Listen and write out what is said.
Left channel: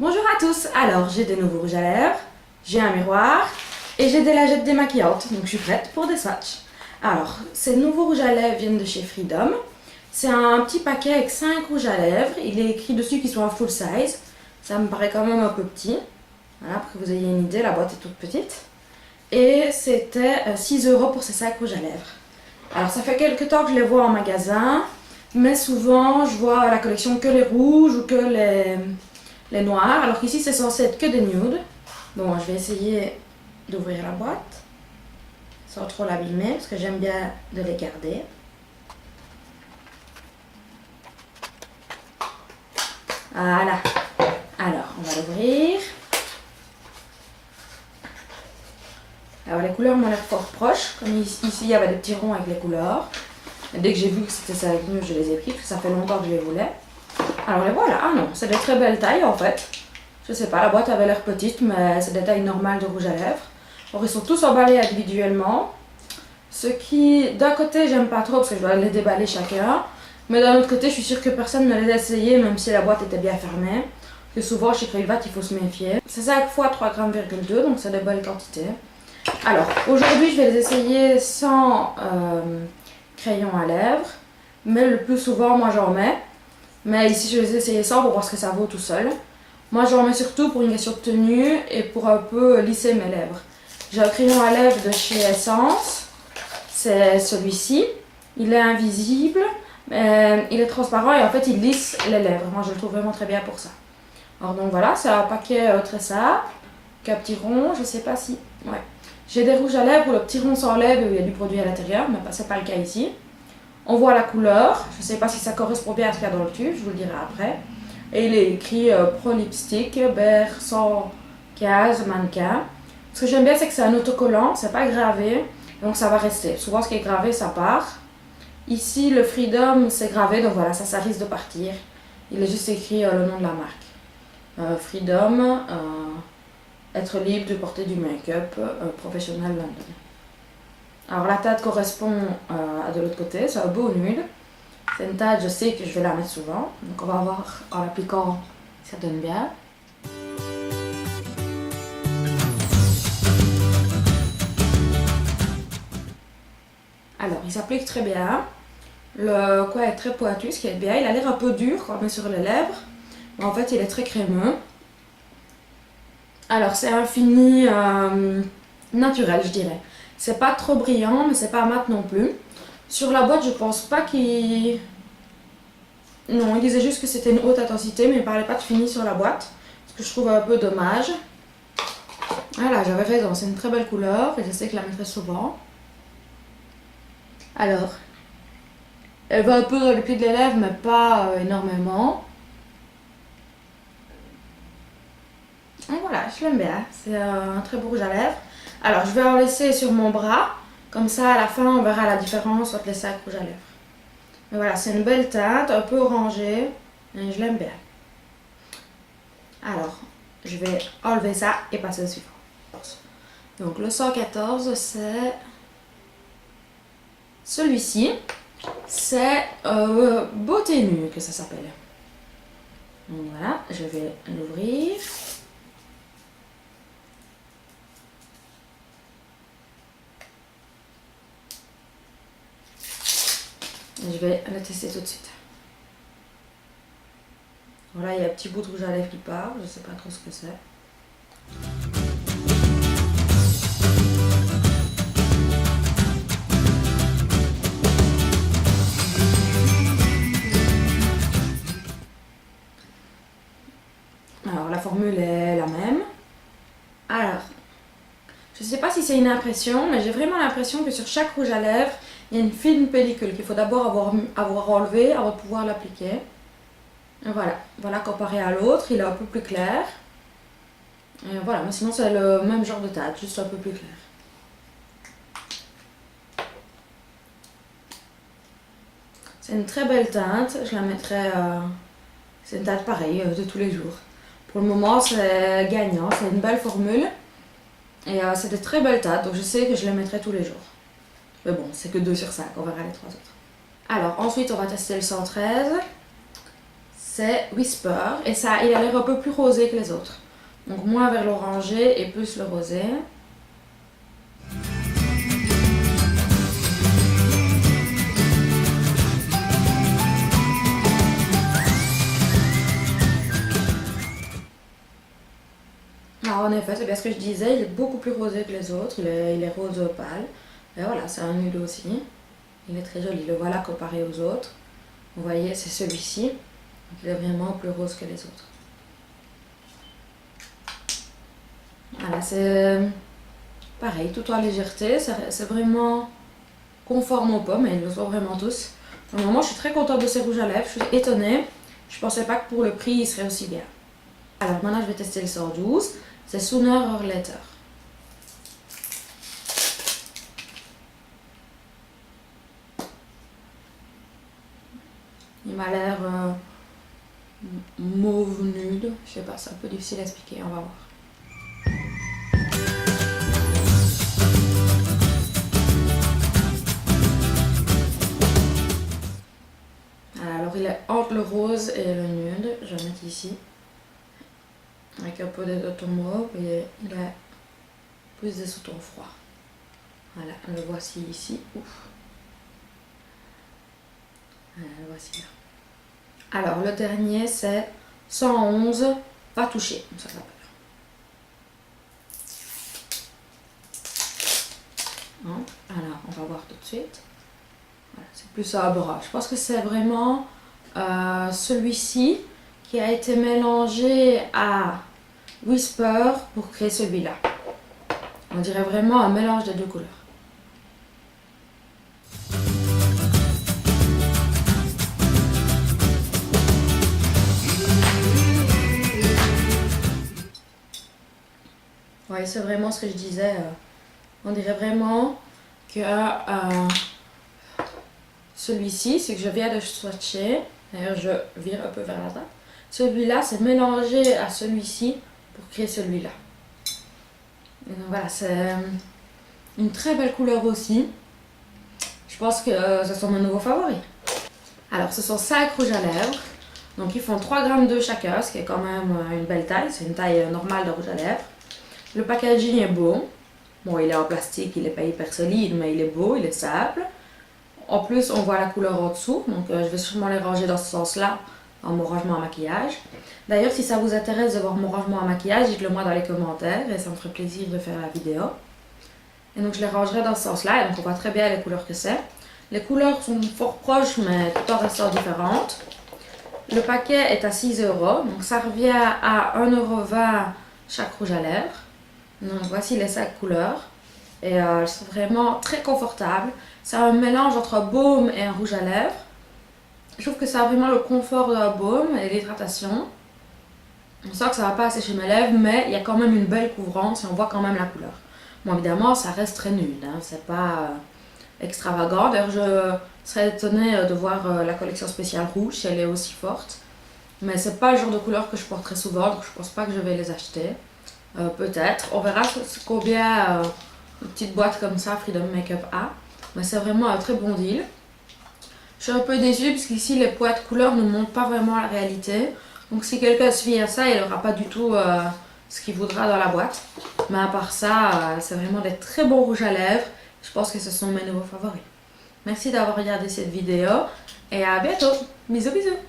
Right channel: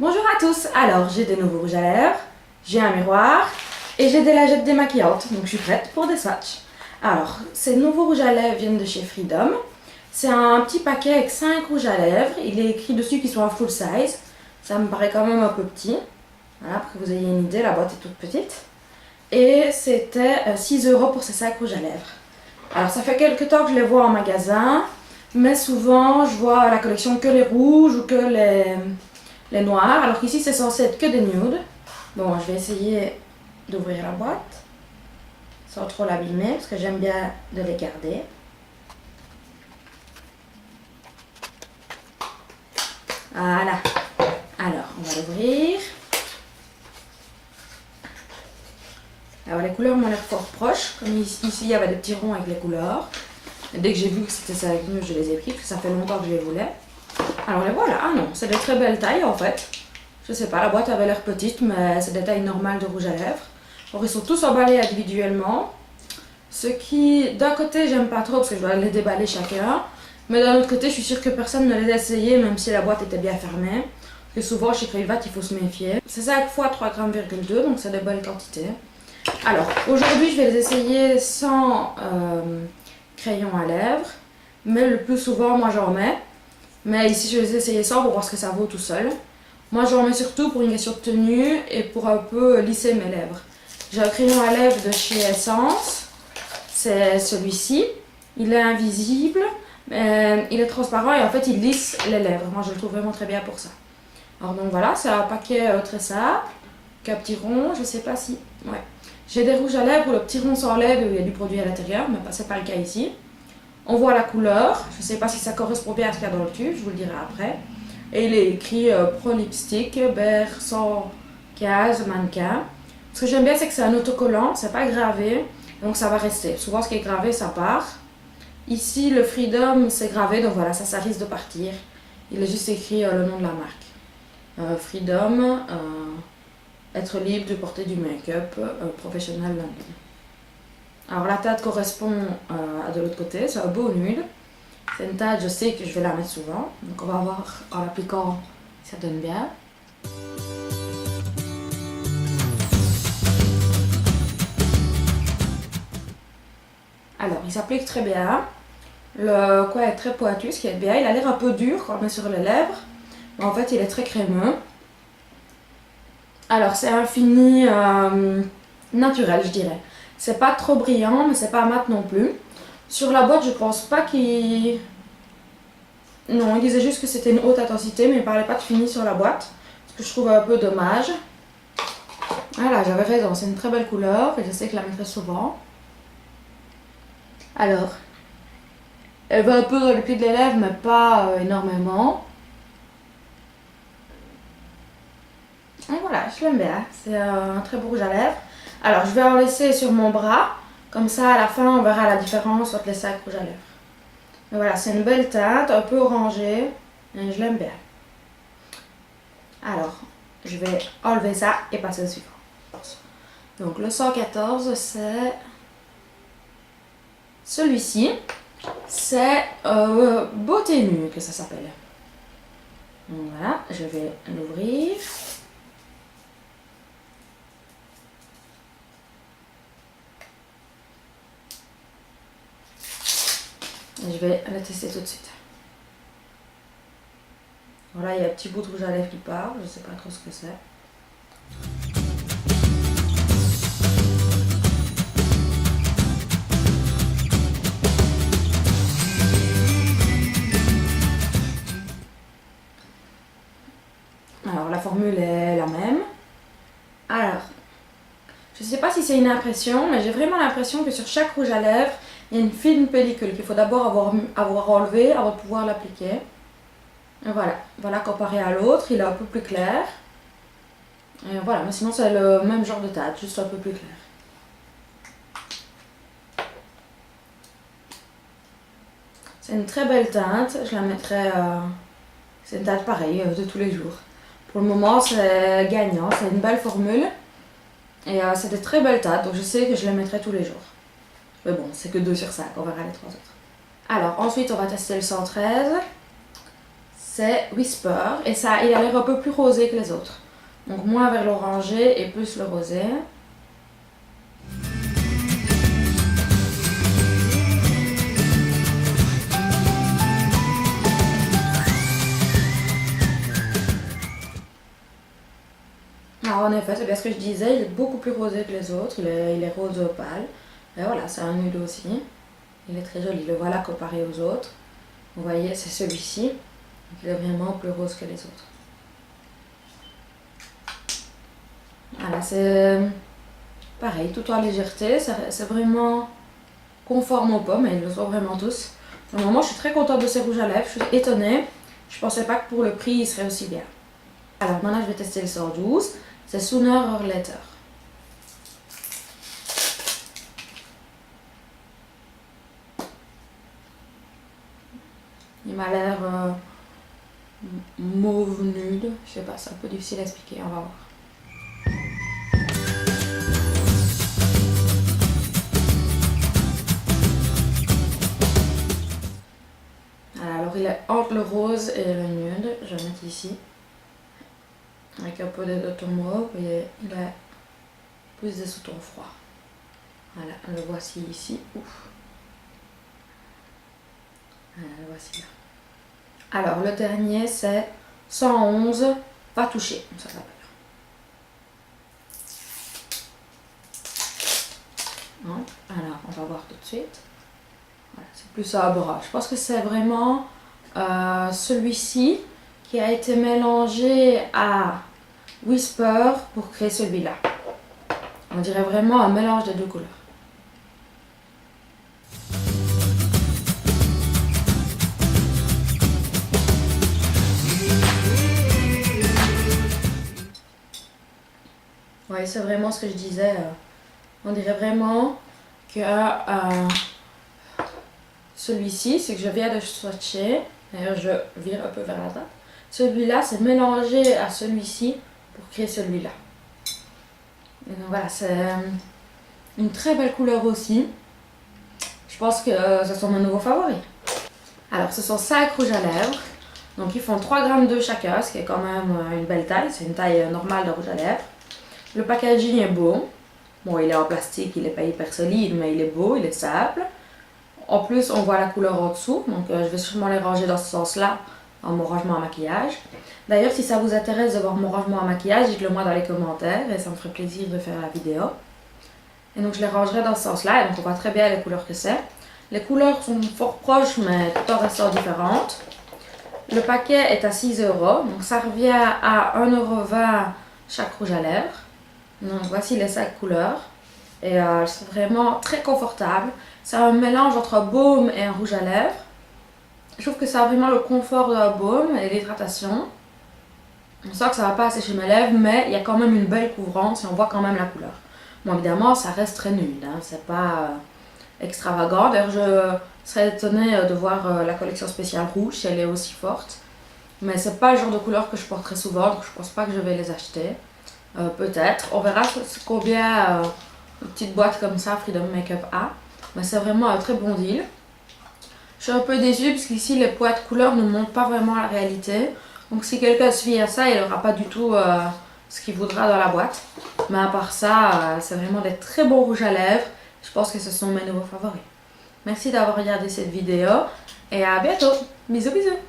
Bonjour à tous, alors j'ai des nouveaux rouges à lèvres, j'ai un miroir et j'ai des lingettes démaquillantes, donc je suis prête pour des swatchs. Alors, ces nouveaux rouges à lèvres viennent de chez Freedom. C'est un petit paquet avec 5 rouges à lèvres, il est écrit dessus qu'ils sont en full size. Ça me paraît quand même un peu petit, voilà, pour que vous ayez une idée, la boîte est toute petite. Et c'était 6 € pour ces 5 rouges à lèvres. Alors ça fait quelques temps que je les vois en magasin, mais souvent je vois la collection que les rouges ou que les noirs, alors qu'ici c'est censé être que des nudes. Bon, je vais essayer d'ouvrir la boîte sans trop l'abîmer parce que j'aime bien de les garder. Voilà. Alors, on va l'ouvrir. Alors les couleurs m'ont l'air fort proches, comme ici il y avait des petits ronds avec les couleurs. Et dès que j'ai vu que c'était ça avec nous, je les ai pris parce que ça fait longtemps que je les voulais. Alors les voilà, ah non, c'est de très belles tailles en fait. Je sais pas, la boîte avait l'air petite, mais c'est des tailles normales de rouge à lèvres. Alors ils sont tous emballés individuellement. Ce qui, d'un côté, j'aime pas trop parce que je dois les déballer chacun. Mais d'un autre côté, je suis sûre que personne ne les a essayés, même si la boîte était bien fermée. Parce que souvent, chez Crayvat, il faut se méfier. C'est 5 x 3,2 g, donc c'est de bonnes quantités. Alors, aujourd'hui, je vais les essayer sans crayon à lèvres. Mais le plus souvent, moi, j'en mets. Mais ici, je vais les essayer sans pour voir ce que ça vaut tout seul. Moi, j'en mets surtout pour une question de tenue et pour un peu lisser mes lèvres. J'ai un crayon à lèvres de chez Essence. C'est celui-ci. Il est invisible, mais il est transparent et en fait, il lisse les lèvres. Moi, je le trouve vraiment très bien pour ça. Alors donc voilà, c'est un paquet très simple. Un petit rond, je sais pas si... Ouais. J'ai des rouges à lèvres où le petit rond s'enlève et où il y a du produit à l'intérieur, mais c'est pas le cas ici. On voit la couleur. Je sais pas si ça correspond bien à ce qu'il y a dans le tube, je vous le dirai après. Et il est écrit Pro Lipstick, Bear 115 mannequin. Ce que j'aime bien, c'est que c'est un autocollant, c'est pas gravé, donc ça va rester. Souvent, ce qui est gravé, ça part. Ici, le Freedom, c'est gravé, donc voilà, ça risque de partir. Il est juste écrit le nom de la marque. Freedom, être libre de porter du make-up professionnel London. Alors la teinte correspond à de l'autre côté, c'est un beau nude. C'est une teinte, je sais que je vais la mettre souvent, donc on va voir en l'appliquant si ça donne bien. Alors il s'applique très bien, le coin est très pointu, ce qui est bien, il a l'air un peu dur quand on met sur les lèvres, mais en fait il est très crémeux. Alors c'est un fini naturel, je dirais. C'est pas trop brillant, mais c'est pas mat non plus. Sur la boîte, je pense pas qu'il... Non, il disait juste que c'était une haute intensité, mais il parlait pas de fini sur la boîte. Ce que je trouve un peu dommage. Voilà, j'avais raison, c'est une très belle couleur et je sais que je la mettrai souvent. Alors, elle va un peu dans les plis des lèvres, mais pas énormément. Et voilà, je l'aime bien, c'est un très beau rouge à lèvres. Alors, je vais en laisser sur mon bras, comme ça à la fin on verra la différence entre les 5 rouges à lèvres. Mais voilà, c'est une belle teinte, un peu orangée, et je l'aime bien. Alors, je vais enlever ça et passer au suivant. Donc le 114, c'est celui-ci. C'est Beauté Nue que ça s'appelle. Donc voilà, je vais l'ouvrir. Je vais le tester tout de suite. Voilà, il y a un petit bout de rouge à lèvres qui part, je sais pas trop ce que c'est. Alors la formule est la même. Alors, je sais pas si c'est une impression, mais j'ai vraiment l'impression que sur chaque rouge à lèvres, il y a une fine pellicule qu'il faut d'abord avoir enlevée avant de pouvoir l'appliquer. Et voilà, comparé à l'autre, il est un peu plus clair. Et voilà, mais sinon c'est le même genre de teinte, juste un peu plus clair. C'est une très belle teinte, je la mettrai... c'est une teinte pareille de tous les jours. Pour le moment, c'est gagnant, c'est une belle formule. Et c'est des très belles teintes, donc je sais que je les mettrai tous les jours. Mais bon, c'est que 2 sur 5, on verra les 3 autres. Alors, ensuite, on va tester le 113. c'est Whisper et ça, il a l'air un peu plus rosé que les autres. Donc moins vers l'orangé et plus le rosé. Alors en effet, c'est bien ce que je disais, il est beaucoup plus rosé que les autres, il est rose pâle. Et voilà, c'est un nude aussi. Il est très joli, le voilà comparé aux autres. Vous voyez, c'est celui-ci. Donc il est vraiment plus rose que les autres. Voilà, c'est pareil, tout en légèreté, c'est vraiment conforme aux pommes, et ils le sont vraiment tous. Pour le moment, je suis très contente de ces rouges à lèvres, je suis étonnée. Je pensais pas que pour le prix, il serait aussi bien. Alors maintenant, je vais tester le 112. C'est Sooner or Later. Il m'a l'air mauve nude. Je sais pas, c'est un peu difficile à expliquer, on va voir. Alors il est entre le rose et le nude. Je vais mettre ici. Avec un peu de ton mauve et il a plus de sous-tons froids. Voilà, le voici ici. Ouf. Voilà, le voici là. Alors le dernier c'est 111, pas touché, ça s'appelle. Hein? Alors on va voir tout de suite. Voilà, c'est plus sobre. Je pense que c'est vraiment celui-ci qui a été mélangé à Whisper pour créer celui-là. On dirait vraiment un mélange des deux couleurs. Ouais, c'est vraiment ce que je disais. On dirait vraiment que celui-ci, c'est que je viens de swatcher. D'ailleurs, je vire un peu vers la droite. Celui-là, c'est mélangé à celui-ci pour créer celui-là. Et donc voilà, c'est une très belle couleur aussi. Je pense que ce sont mes nouveaux favoris. Alors, ce sont 5 rouges à lèvres. Donc, ils font 3 grammes de chacun, ce qui est quand même une belle taille. C'est une taille normale de rouge à lèvres. Le packaging est beau. Bon, il est en plastique, il n'est pas hyper solide, mais il est beau, il est simple. En plus, on voit la couleur en dessous, donc je vais sûrement les ranger dans ce sens-là, dans mon rangement à maquillage. D'ailleurs, si ça vous intéresse de voir mon rangement à maquillage, dites-le moi dans les commentaires, et ça me ferait plaisir de faire la vidéo. Et donc, je les rangerai dans ce sens-là, et donc on voit très bien les couleurs que c'est. Les couleurs sont fort proches, mais tout en restant différentes. Le paquet est à 6 €, donc ça revient à 1,20 € chaque rouge à lèvres. Donc voici les 5 couleurs et elles sont vraiment très confortables. C'est un mélange entre un baume et un rouge à lèvres. Je trouve que ça a vraiment le confort d'un baume et l'hydratation. On sent que ça va pas assécher mes lèvres, mais il y a quand même une belle couvrance et on voit quand même la couleur. Bon, évidemment, ça reste très nude, hein, c'est pas extravagant. D'ailleurs, je serais étonnée de voir la collection spéciale rouge si elle est aussi forte. Mais c'est pas le genre de couleur que je porterai souvent, donc je pense pas que je vais les acheter. Peut-être. On verra combien une petite boîte comme ça Freedom Makeup a. Mais c'est vraiment un très bon deal. Je suis un peu déçue parce qu'ici les boîtes couleurs ne montrent pas vraiment la réalité. Donc si quelqu'un se fie à ça, il n'aura pas du tout ce qu'il voudra dans la boîte. Mais à part ça, c'est vraiment des très bons rouges à lèvres. Je pense que ce sont mes nouveaux favoris. Merci d'avoir regardé cette vidéo et à bientôt. Bisous bisous.